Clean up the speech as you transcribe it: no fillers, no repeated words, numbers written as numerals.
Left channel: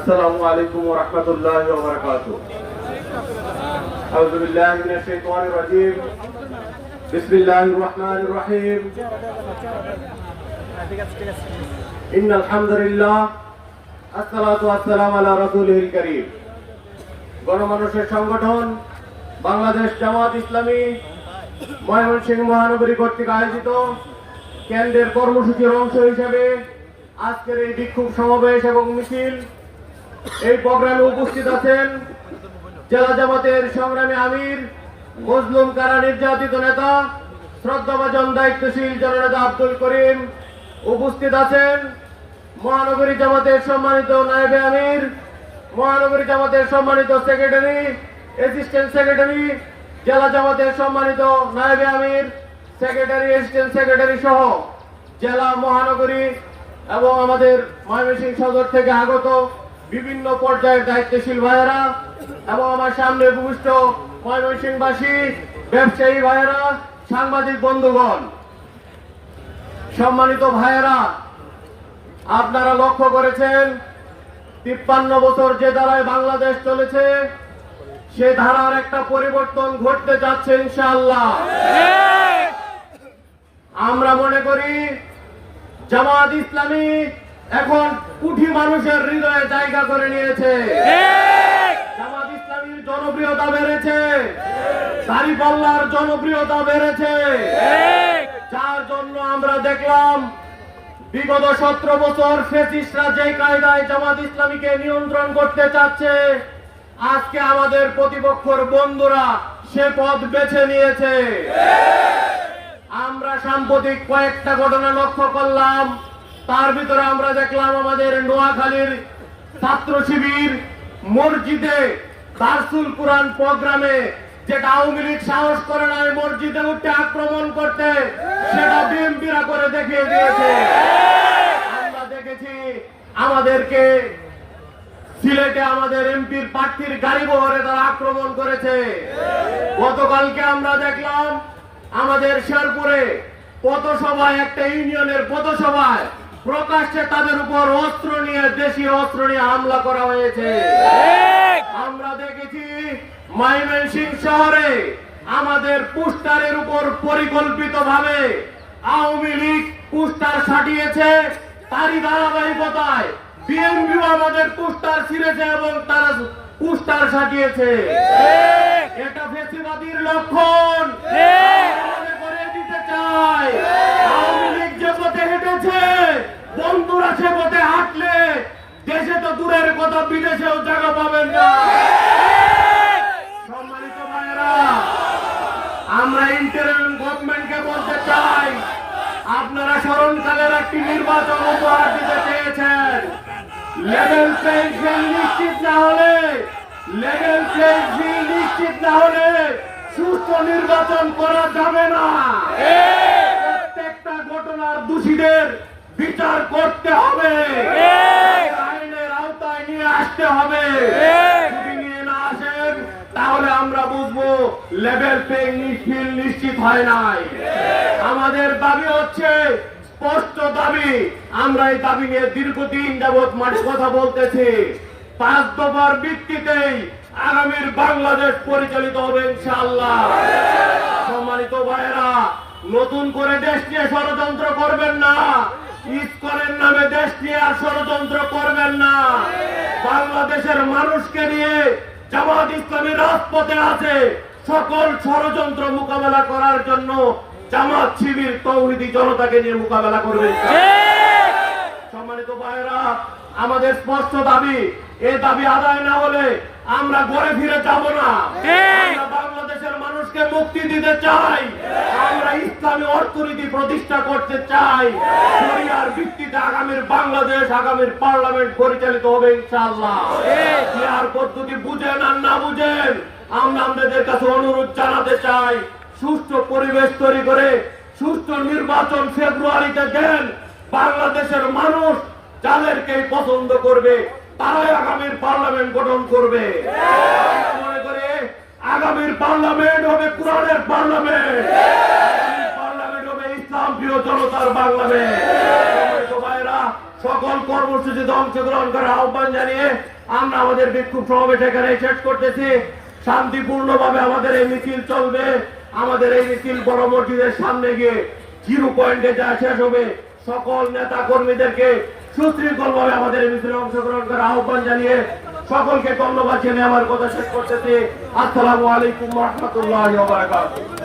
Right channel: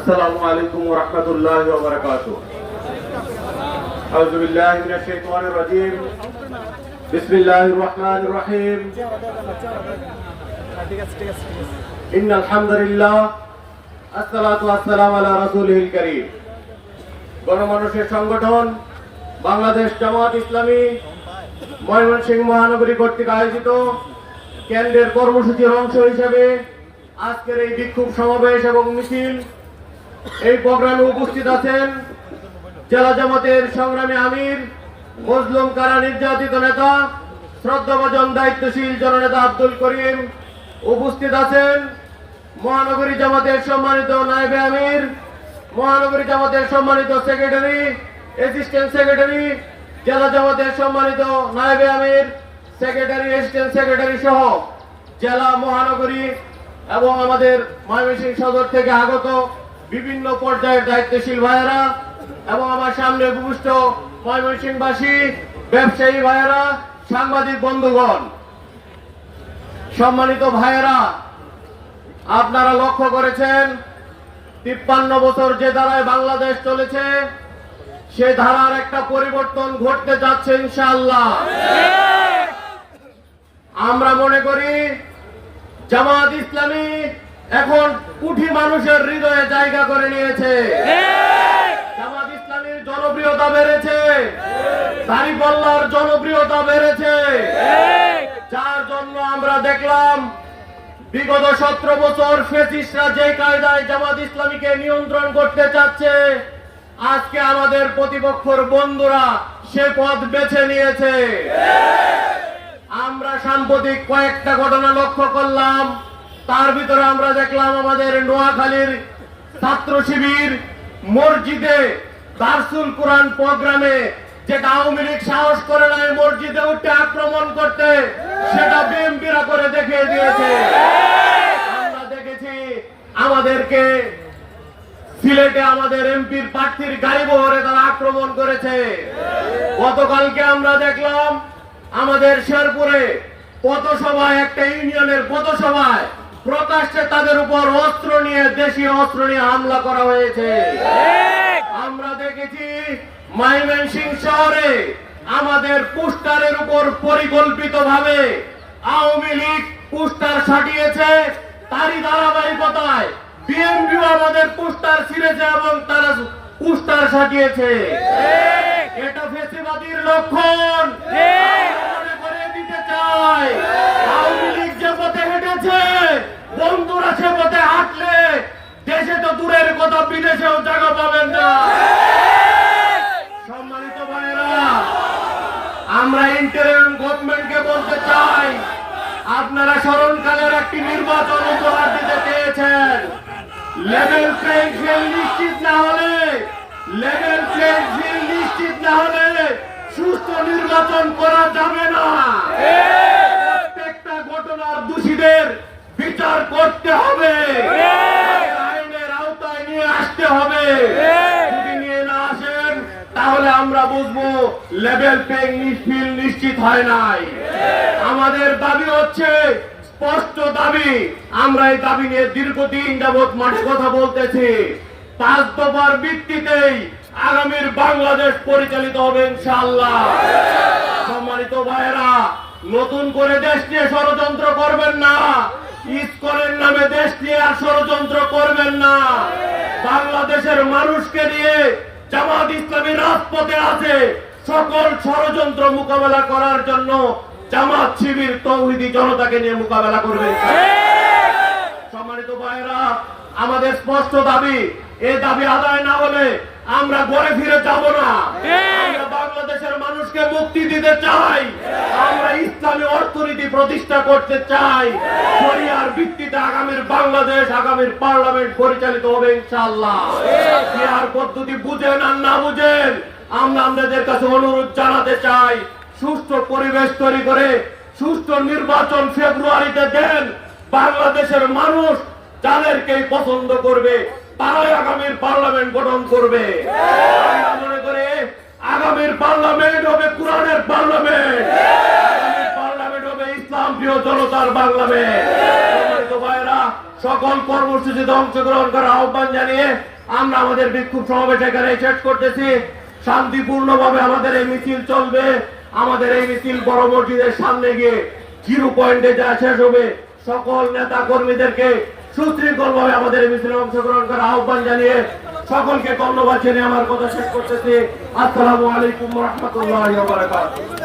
আসসালামু আলাইকুম ওয়া রাহমাতুল্লাহি ওয়া বারাকাতুহু। আউযু বিল্লাহি মিনাশ শাইতানির রাজীম। বিসমিল্লাহির রাহমানির রহিম। ইন্নাল হামদুলিল্লাহ আসসালাতু ওয়াসসালামু আলা রাসূলিল কারীম। গণমানুষের সংগঠন বাংলাদেশ জামাত ইসলামী ময়মনসিংহ মহানগরী কর্তৃক আয়োজিত কেন্দ্রের কর্মসূচির অংশ হিসেবে আজকের এই বিক্ষোভ সমাবেশ এবং মিছিল, এই প্রোগ্রামে উপস্থিত আছেন জেলা জামাতের সংগ্রামী আমির, মজলুম কারা নির্যাতিত নেতা, শ্রদ্ধাভাজন দায়িত্বশীল জননেতা আব্দুল করিম। উপস্থিত আছেন মহানগরী জামাতের সম্মানিত নায়েবে আমির, মহানগরী জামাতের সম্মানিত সেক্রেটারি, অ্যাসিস্ট্যান্ট সেক্রেটারি, জেলা জামাতের সম্মানিত নায়েবে আমির, সেক্রেটারি, অ্যাসিস্ট্যান্ট সেক্রেটারি সহ জেলা, মহানগরী এবং আমাদের ময়মনসিংহ সদর থেকে আগত বিভিন্ন পর্যায়ের দায়িত্বশীল ভাইয়েরা এবং আমার সামনে উপবিষ্ট ময়মনসিংহবাসী, ব্যবসায়ী ভাইয়েরা, সাংবাদিক বন্ধুগণ, সম্মানিত ভাইয়েরা, আপনারা লক্ষ্য করেছেন 53 বছর যে ধারায় বাংলাদেশ চলেছে সে ধারার একটা পরিবর্তন ঘটতে যাচ্ছে ইনশাআল্লাহ। আমরা মনে করি জামাত ইসলামী এখন কোটি মানুষের হৃদয়ে জায়গা করে নিয়েছে। জামাত ইসলামীর জনপ্রিয়তা বেড়েছে, দাঁড়িপাল্লার জনপ্রিয়তা বেড়েছে, যার জন্য আমরা দেখলাম বিগত 17 বছর ফ্যাসিস্টরা যে কায়দায় জামাত ইসলামীকে নিয়ন্ত্রণ করতে চাচ্ছে, আজকে আমাদের প্রতিপক্ষের বন্ধুরা সে পথ বেছে নিয়েছে। আমরা সাম্প্রতিক কয়েকটা ঘটনা লক্ষ্য করলাম, তার ভিতরে আমরা দেখলাম আমাদের নোয়াখালীর ছাত্র শিবির মসজিদে দারসুল কুরআন প্রোগ্রামে যেটা আওয়ামী লীগ সাহস করে না এই মসজিদে উঠে আক্রমণ করতে, সেটা বিএনপিরা করে দেখিয়ে দিয়েছে। আমরা দেখেছি আমাদেরকে সিলেটে আমাদের এমপির প্রার্থীর গাড়ি বহরে তারা আক্রমণ করেছে। গতকালকে আমরা দেখলাম আমাদের শেরপুরে পথসভায়, একটা ইউনিয়নের পথসভায় প্রকাশ্যে তাদের উপর অস্ত্র নিয়ে, দেশীয় অস্ত্র নিয়ে হামলা করা হয়েছে। আমরা দেখেছি ময়মনসিংহ শহরে আমাদের পোস্টারের উপর পরিকল্পিতভাবে আওয়ামী লীগ পোস্টার সাটিয়েছে, তারই ধারাবাহিকতায় বিএনপিও আমাদের পোস্টার ছিঁড়েছে এবং তারা পোস্টার সাটিয়েছে। এটা ফ্যাসিবাদীর লক্ষণ। মনে করে দিতে চাই আওয়ামী লীগ যে পথে হেঁটেছে, বন্ধুরা সে পথে হাঁটলে দেশে তো দূরের কথা বিদেশেও জায়গা পাবেন না। সম্মানিত ভাইয়েরা, আমরা ইন্টারিম গভর্নমেন্টকে বলতে চাই, আপনারা স্মরণকালের একটি নির্বাচন উপহার দিতে চেয়েছেন। লেভেল প্লেইং ফিল্ড নিশ্চিত না হলে, লেভেল প্লেইং ফিল্ড নিশ্চিত না হলে সুস্থ নির্বাচন করা যাবে না। প্রত্যেকটা ঘটনার দোষীদের বিচার করতে হবে, আইনের আওতায় নিয়ে আসতে হবে। যদি নিয়ে না আসেন তাহলে আমরা বুঝবো লেভেল প্লেইং ফিল্ড নিশ্চিত হয় নাই। আমাদের দাবি হচ্ছে স্পষ্ট দাবি, আমরা এই দাবি নিয়ে দীর্ঘদিন যাবৎ কথা বলতেছি। 5 দফার ভিত্তিতেই আগামীর বাংলাদেশ পরিচালিত হবে ইনশাআল্লাহ। সম্মানিত ভাইয়েরা, নতুন করে দেশ নিয়ে ষড়যন্ত্র করবেন না, ইসকনের নামে দেশ নিয়ে আর ষড়যন্ত্র করবেন না। বাংলাদেশের মানুষকে নিয়ে জামাত ইসলামী রাজপথে আছে, সকল ষড়যন্ত্র মোকাবেলা করার জন্য জামাত শিবির তৌহিদি জনতাকে নিয়ে মোকাবেলা করবে। সম্মানিত ভাইয়েরা, আমাদের স্পষ্ট দাবি, এই দাবি আদায় না হলে আমরা ঘরে ফিরে যাব না। আমরা বাংলাদেশের মানুষকে মুক্তি দিতে চাই, আমরা ইসলামী অর্থনীতি প্রতিষ্ঠা করতে চাই। শরিয়ার ভিত্তিতে আগামীর বাংলাদেশ, আগামীর পার্লামেন্ট পরিচালিত হবে ইনশাআল্লাহ। বিহার পদ্ধতি বুঝেন আর না বুঝেন, আমরা আপনাদের কাছে অনুরোধ জানাতে চাই, সুষ্ঠু পরিবেশ তৈরি করে সুষ্ঠু নির্বাচন ফেব্রুয়ারিতে দেন। বাংলাদেশের মানুষ যাদেরকে পছন্দ করবে তারাই আগামীর পার্লামেন্ট গঠন করবে। মনে করে আগামীর পার্লামেন্ট হবে কোরআনের পার্লামেন্ট, আগামীর পার্লামেন্ট হবে ইসলাম প্রিয় জনতার পার্লামেন্ট। ভাইরা, সকল কর্মসূচিতে অংশগ্রহণ করার আহ্বান জানিয়ে আমরা আমাদের বিক্ষোভ সমাবেশ এখানে শেষ করতেছি। শান্তিপূর্ণভাবে আমাদের এই মিছিল চলবে। আমাদের এই মিছিল বড় মসজিদের সামনে গিয়ে 0 পয়েন্টে যা শেষ হবে। সকল নেতা কর্মীদেরকে সুশৃঙ্খল ভাবে আমাদের এই মিছিলে অংশগ্রহণ করার আহ্বান জানিয়ে সকলকে ধন্যবাদ জানিয়ে আমার কথা শেষ করতেছি। আসসালামু আলাইকুম ওয়া রাহমাতুল্লাহি ওয়া বারাকাতুহু।